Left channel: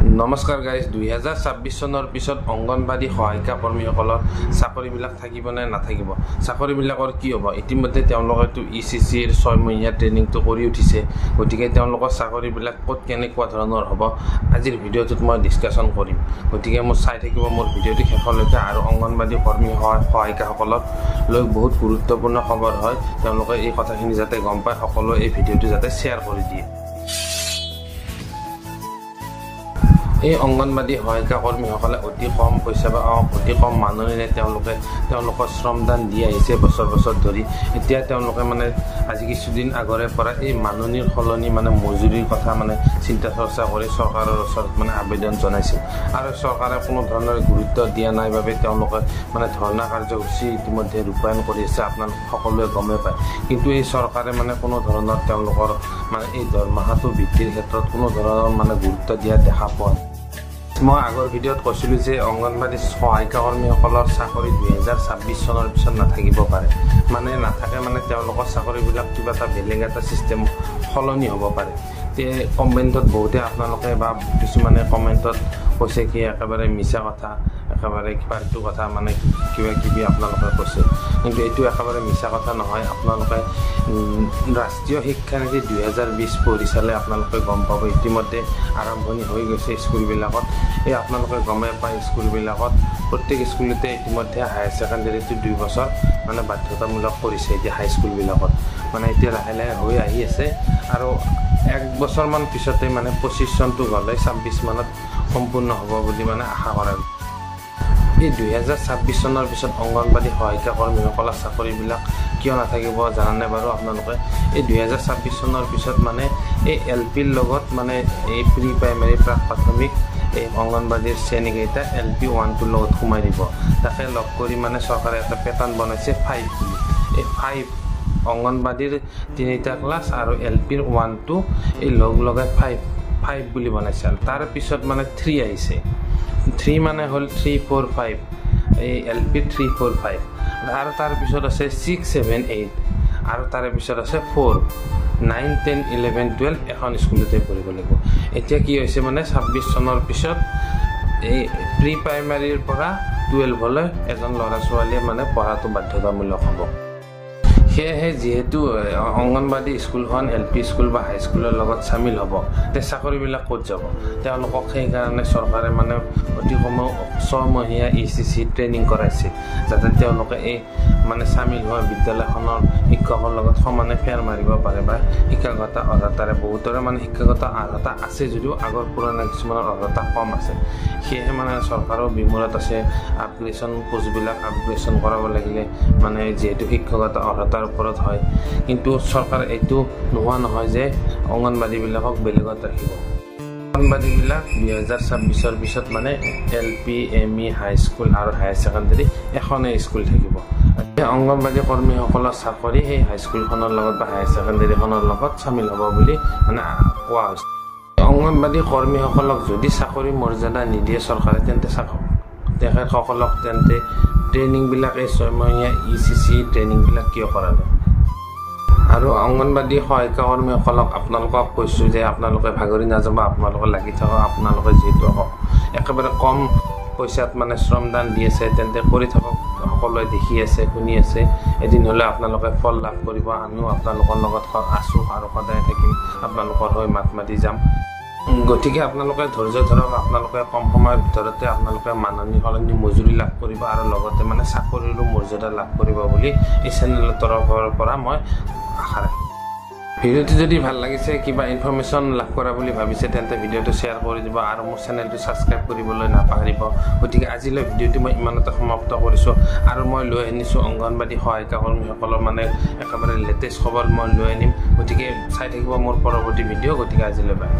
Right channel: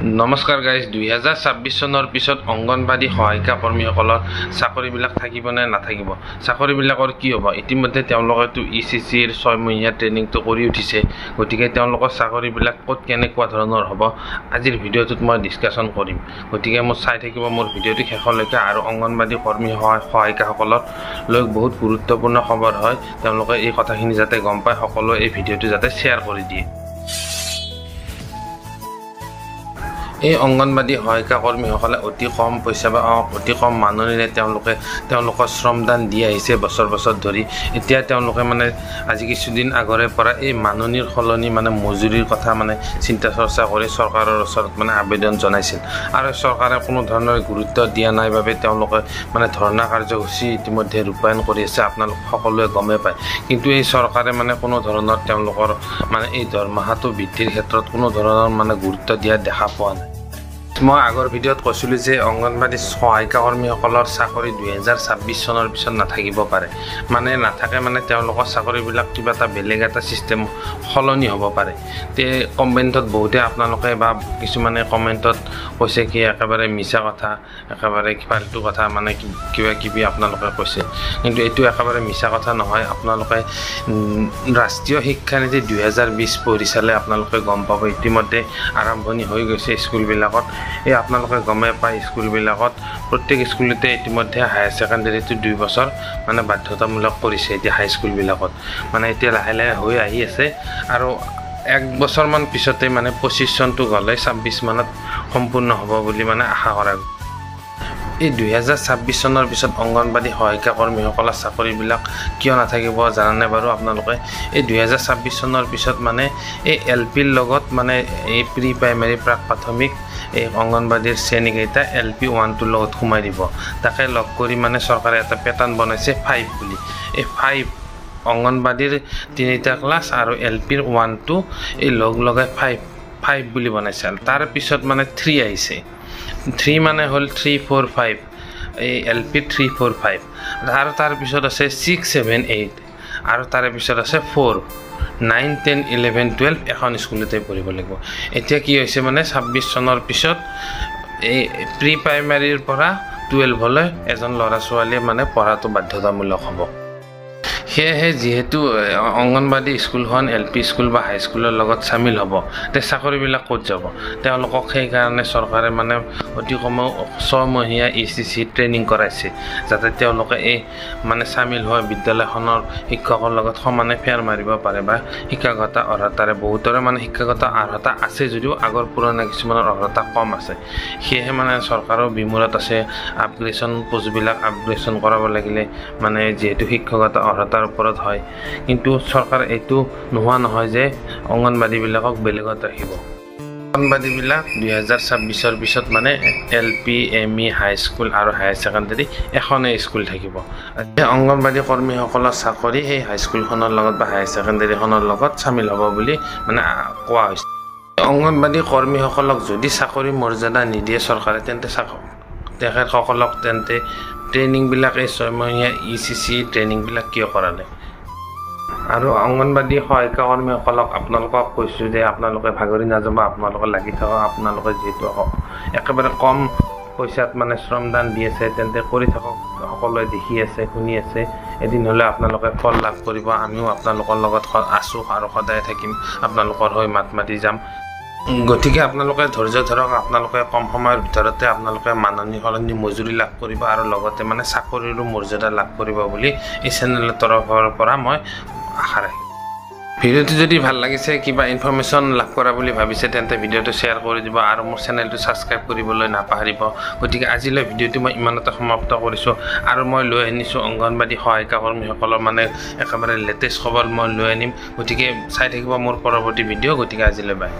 নমস্কাৰ গাইজ 2026 চনৰ পিছত অংগনবাদী সহায়িকা কৰ্মীসকলৰ চাকৰিবিলাক থাকিব নে নাথাকিব চাকৰিবিলাকৰ কি হ'ব ইতিমধ্যে তেওঁলোকেতো ECCৰ 6 মহীয়া ট্ৰেইনিংটো কৰি উঠিছে গতিকে তেওঁলোকৰ চাকৰিবিলাক ক'ত কেনেকুৱা ধৰণৰ হ'ব আজিৰ ভিডিঅ'টোত মই ডিসকাশন কৰিম গতিকে মই চাই থাকিব মোৰ ভিডিঅ'টো শেষলৈকে আৰু অংগনবাদী কৰ্মী সহায়িকাসকলৰ লৈ বহুত গুৰুত্বপূৰ্ণ খবৰ হয় তেওঁলোকে এই কথাখিনি যাতে গম পায় সকলো এই ভিডিঅ'টো যাতে শেয়াৰ কৰি দিয়ে এই অংগনবাদী সহায়িকা কৰ্মীসকলে অতি কম পইচা বা অতি কম মাননিৰে তেওঁলোকৰ শ্ৰমদান দি আহিছে বছৰ ধৰি এতিয়া তেওঁলোকে মানে আজি কিছুদিন আগৰে পৰা এই মাননিৰ সলনি মানে মজুৰিৰ কথা মানে চিন্তা চৰ্চা কৰি চৰকাৰৰ ওচৰত মানে আবেদন জনাইছিল আৰু চৰকাৰে কোনো ধৰণৰ গুৰুত্ব দিয়া নাই বাবে তেওঁলোকে মানে ধৰ্ণা কাৰ্যসূচী ইতিমধ্যে ৰূপায়ণ কৰি আছে আপোনালোক সকলোৱে গমে পায় কিন্তু এই চৰকাৰে মানে কোনো ধৰণৰ তেওঁলোকৰ মানে এই দৰমহাটো বৃদ্ধিৰ ক্ষেত্ৰত কোনো ধৰণৰ মানে গুৰুত্ব দিয়া দেখা পোৱা নাই মই আগৰ ভিডিঅ'ত কৈছিলোঁ যে অংগনবাদী সহায়িকা কৰ্মীসকলৰ চাকৰি 2026 চনৰ পিছত নাথাকিব পাৰে মানে নাথাকে মানে তেওঁলোকৰ চাকৰিবিলাক কিবা এটা বেলেগ এটা সিস্টেম সলনি হ'ব পাৰে তে কমেণ্টত বহুতে আপোনালোকে বা কিছুমানে কমেণ্টত কৈছে কি একেবাৰে মিছা কথা একেবাৰে ফাল্টু কথা মানে কিবা কিবি আপোনালোকে কৈছে কিন্তু এইটো একেবাৰে মিছা কথা নহয় আপোনালোকে ৰাষ্ট্ৰীয় শিক্ষানীতি 2020 পঢ়ি চালে আপোনালোকে গম পাব ইতিমধ্যে আৰম্ভণি হৈ গৈছে স্কুলবিলাকত এই আপোনালোকে গমে পায় স্কুলবিলাকত প্ৰত্যেক স্কুলতে ইতিমধ্যে হায়াৰ সেকেন্ডাৰীটো 2 বছৰ মানে বাধ্যতামূলক কৰিছে এতিয়া হাই স্কুলবিলাকত মানে এতিয়া লাহে লাহে হৈ আহি আছে আৰু 1 বছৰমান পিছতে মানে 25 চনটো গ'লে 26 মানত সম্পূৰ্ণ হ'ব বুলি মানে আশা কৰা এই 2026 চনৰ পিছত অংগনবাদী সহায়িকা কৰ্মীসকলৰ চাকৰিবিলাক কিয় নাথাকিব জানানে বাৰু আপোনালোকে এই 2026 চনৰ পিছত মানে এই LPৰ লগত মানে এই প্ৰি প্ৰাইমাৰী প্ৰাক প্ৰাথমিক এই অংগনবাদীৰ শ্ৰেণীকেইটা LP 1 লগত সোমাই দিব তাকে লগ কৰি মানে চৰকাৰে এটা পেটাৰ্ণ বনাইছে 5 বুলি এই 5 অংগনবাদীৰ 3টা ক্লাছ আৰু LPৰ 1 এই লগাই 5 বুলি বনাইছে তাৰ পিছত মানে 3 আহিছে 3 মানে হল 3 4 5 এই LP 3 4 5 আৰু তাৰ পিছত আছে 6 7 8 আৰু তাৰ পিছত আছে 4 9 10 11 12 এখন স্কুলতে পঢ়িব লাগিব এতিয়া কি হৈছে মানে 26 চনৰ পিছত এই প্ৰি প্ৰাইমাৰীৰ পৰা 12 লৈ এজন ল'ৰা ছোৱালীয়ে মানে পঢ়াটো বাধ্যতামূলক হ'ব সেয়েহে যেহেতু অংগনবাদী স্কুলখন LP স্কুল বা হাই স্কুলৰ লগত সামিল হ'ব তে চাকৰিবিলাক ক'ত যাব তেওঁলোকক সেই কাৰণে চৰকাৰে মানে অতি কমেও 6 মহীয়া ECC ট্ৰেইনিং কৰাইছে যাতে তেওঁলোকে এই মানে সামিল হোৱা বিদ্যালয়খনৰ শিক্ষকৰ লগত সমানে ফেৰ মাৰিব পাৰে বা শিক্ষাগত অৰ্হতাৰে বহুতৰে মানে শিক্ষাগত অৰ্হতা আছে যদিও আগৰ পুৰণা কিছুমানৰ অৰ্হতা কম আছে সেয়েহে মানে চৰকাৰৰ বিমূৰত আছে আপগ্ৰেডেশ্যন পোষ্টবিলাক আপগ্ৰেডেশ্যন কৰাব লাগিলে মানে যেহেতু শিক্ষাগত অৰ্হতা ওপৰত হয় কিন্তু চৰকাৰ এইটো নোহোৱা নহয় যে অংগনবাদীবিলাকক বেলেগত ৰাখিব অংগনবাদীবিলাক 2026 পিছত মানে LP ME হাই স্কুল আৰু হায়াৰ সেকেন্ডাৰী এখনে স্কুল থাকিব অংগনবাদী কৰ্মীসকলৰ চাকৰি সেই হাই স্কুলখনৰ লগত বা হায়াৰ সেকেন্ডাৰীখনৰ লগত সামিল হ'ব বুলি মানে কোৱা হৈছে অংগনবাদী কৰ্মীসকলক যদি চাকৰি মৰ্যাদা নিদিয়ে চৰকাৰে তেন্তে তেখেতসকলক তেন্তে ট্ৰেইনিংবিলাক এই 6 মহীয়া ECC ট্ৰেইনিংবিলাক কিয় কৰা নাই আৰু অংগনবাদী সহায়িকা কৰ্মীসকলক আপোনালোকক কৈছোঁ যে আপোনালোকে ভাগৰি নাযাব আপোনালোকে লাগি থাকক আপোনালোকে যিহেতু একেবাৰে কম পইচাত মানে শ্ৰমদান দি আছে তেন্তে কৰি থাকক সকলোৱে দেখি আছে শুনি আছে এদিন হ'লে আপোনালোকে ফল লাভ কৰিব আমিও আপোনালোকৰ লগত আছোঁ আৰু সদায় থাকিম আপোনালোকৰ হৈ মাত মাতি যাম গতিকে আপোনালোকে ধৈৰ্য ধৰক আপোনালোকে কম সময়ৰ ভিতৰতে আপোনালোকে মাননি সলনি মজুৰি লাভ কৰিব আৰু লগতে মানে চাকৰিৰো মৰ্যাদা লাভ কৰিব বুলি এই চেনেলৰ তৰফৰ পৰা মই আশা ৰাখিম ভিডিঅ'টো যদি ভাল লাগিছে কিবা ইনফৰমেশ্যন লাভ কৰা বুলি ভাবিছে তেন্তে ভিডিঅ'টো শ্বেয়াৰ কৰি দিব আৰু মোৰ চেনেলটো ছাবস্ক্ৰাইব কৰিবলৈ নাপাহৰিব গতিকে আজিলৈ ভিডিঅ'টো মই ইমানতে সমাপ্ত কৰিছোঁ আৰু মই লৈ আনিছোঁ অংগনবাদী সহায়িকা কৰ্মীসকলৰ মানে একেবাৰে লেটেষ্ট খবৰ মই লৈ আনিম গতিকে চাই থাকিব মোৰ পৰৱৰ্তী ভিডিঅ' গতিকে আজিলৈ বাই